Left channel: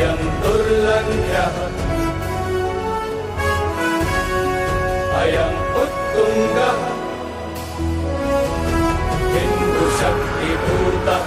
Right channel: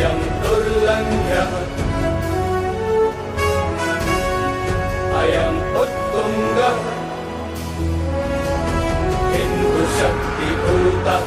अयं दुर्लङ्घ्यः अयम् उत्तुङ्गः हिंदुशक्तिभूतः।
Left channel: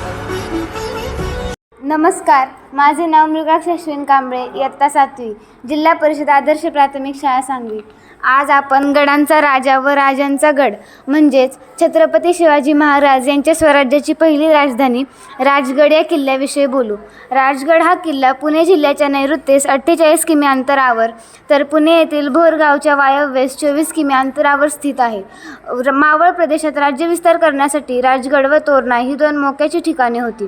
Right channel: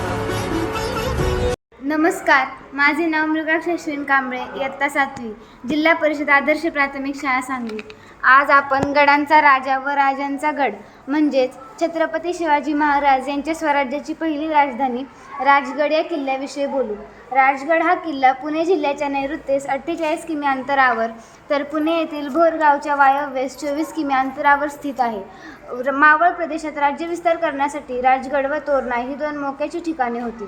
नमस्कार, माझे नाव मृगाक्ष अश्विन कांबळे, इयत्ता 7वी, जिल्हा परिषद आदर्श प्राथमिक शाळा सांगली। आज आपण गडांचा राजा व राजांचा गड म्हणजेच छत्रपती शिवाजी महाराज यांच्या स्वराज्याची पहिली राजधानी राजगड या किल्ल्याविषयी बोलू। राजगड हा किल्ला पुणे जिल्ह्याच्या नैऋत्येस 48 किमी अंतरावर तर पुणे येथील भोर गावच्या वायव्येस 24 किमी अंतरावर स्थित आहे। मावळ प्रदेशात राज्यविस्तार करण्यासाठी राजगड व तोरणा ही 2 मोक्याची ठिकाणे होती।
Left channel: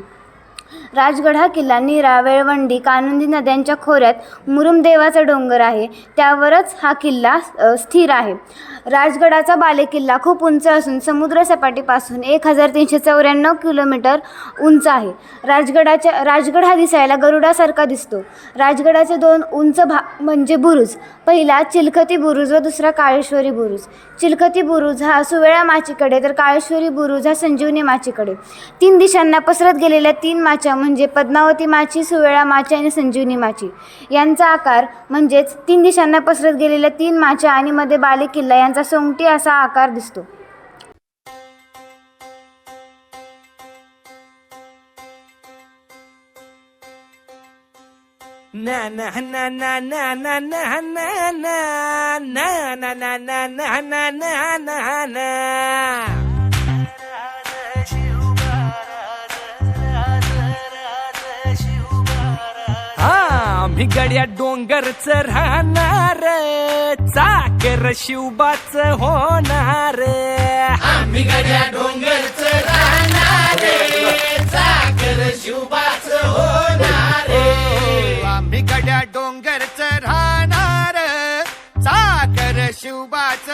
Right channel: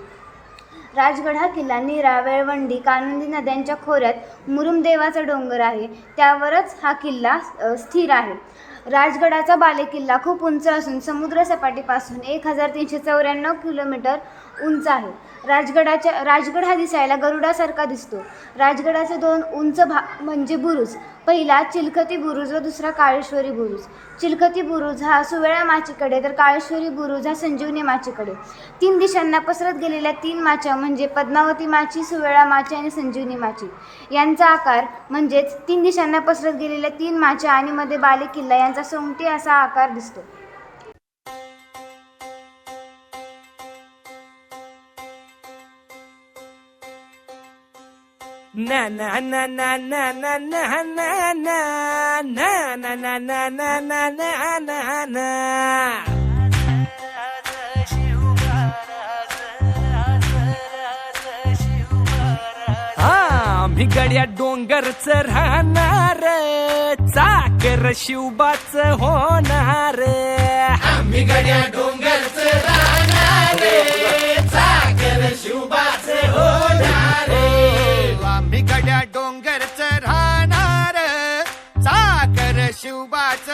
राजगड हा किल्ला नीरा, वेळवंडी, कानंदी नद्यांच्या खोऱ्यात मुरुमदेवाचा डोंगर आहे, त्यावरच हा किल्ला स्थिर आहे। राजगडाचा बालेकिल्ला खूप उंच असून समुद्र सपाटीपासून 1394 किलोमीटर उंच आहे। राजगड हा दिसायला गरुडासारखा दिसतो। राजगडाचे 2 उंच म्हणजे बुरुज, पहिला चिलखती बुरुज व दुसरा काळेश्वरी बुरुज। चिलखती बुरुज हा सुवेळा माचीकडे तर काळेश्वरी बुरुज हा संजीवनी माचीकडे। 3 दिशांना पसरत गेलेल्या 3 माच्या म्हणजे पद्मावती माची, सुवेळा माची आणि संजीवनी माची यांचा आकार म्हणजेच 3 दिशांना पसरत गेलेल्या 3 माच्या आणि मध्ये बालेकिल्ला यांचा सोंगटी असा आकार दिसतो। na na na na na na na na na na na na na na na na na आम्ही गड्या डोंगरच राहणार, चाकर शिवबाच होणार। आम्ही गड्या डोंगरच राहणार, चाकर शिवबाच होणार। आम्ही गड्या डोंगरच राहणार, चाकर शिवबाच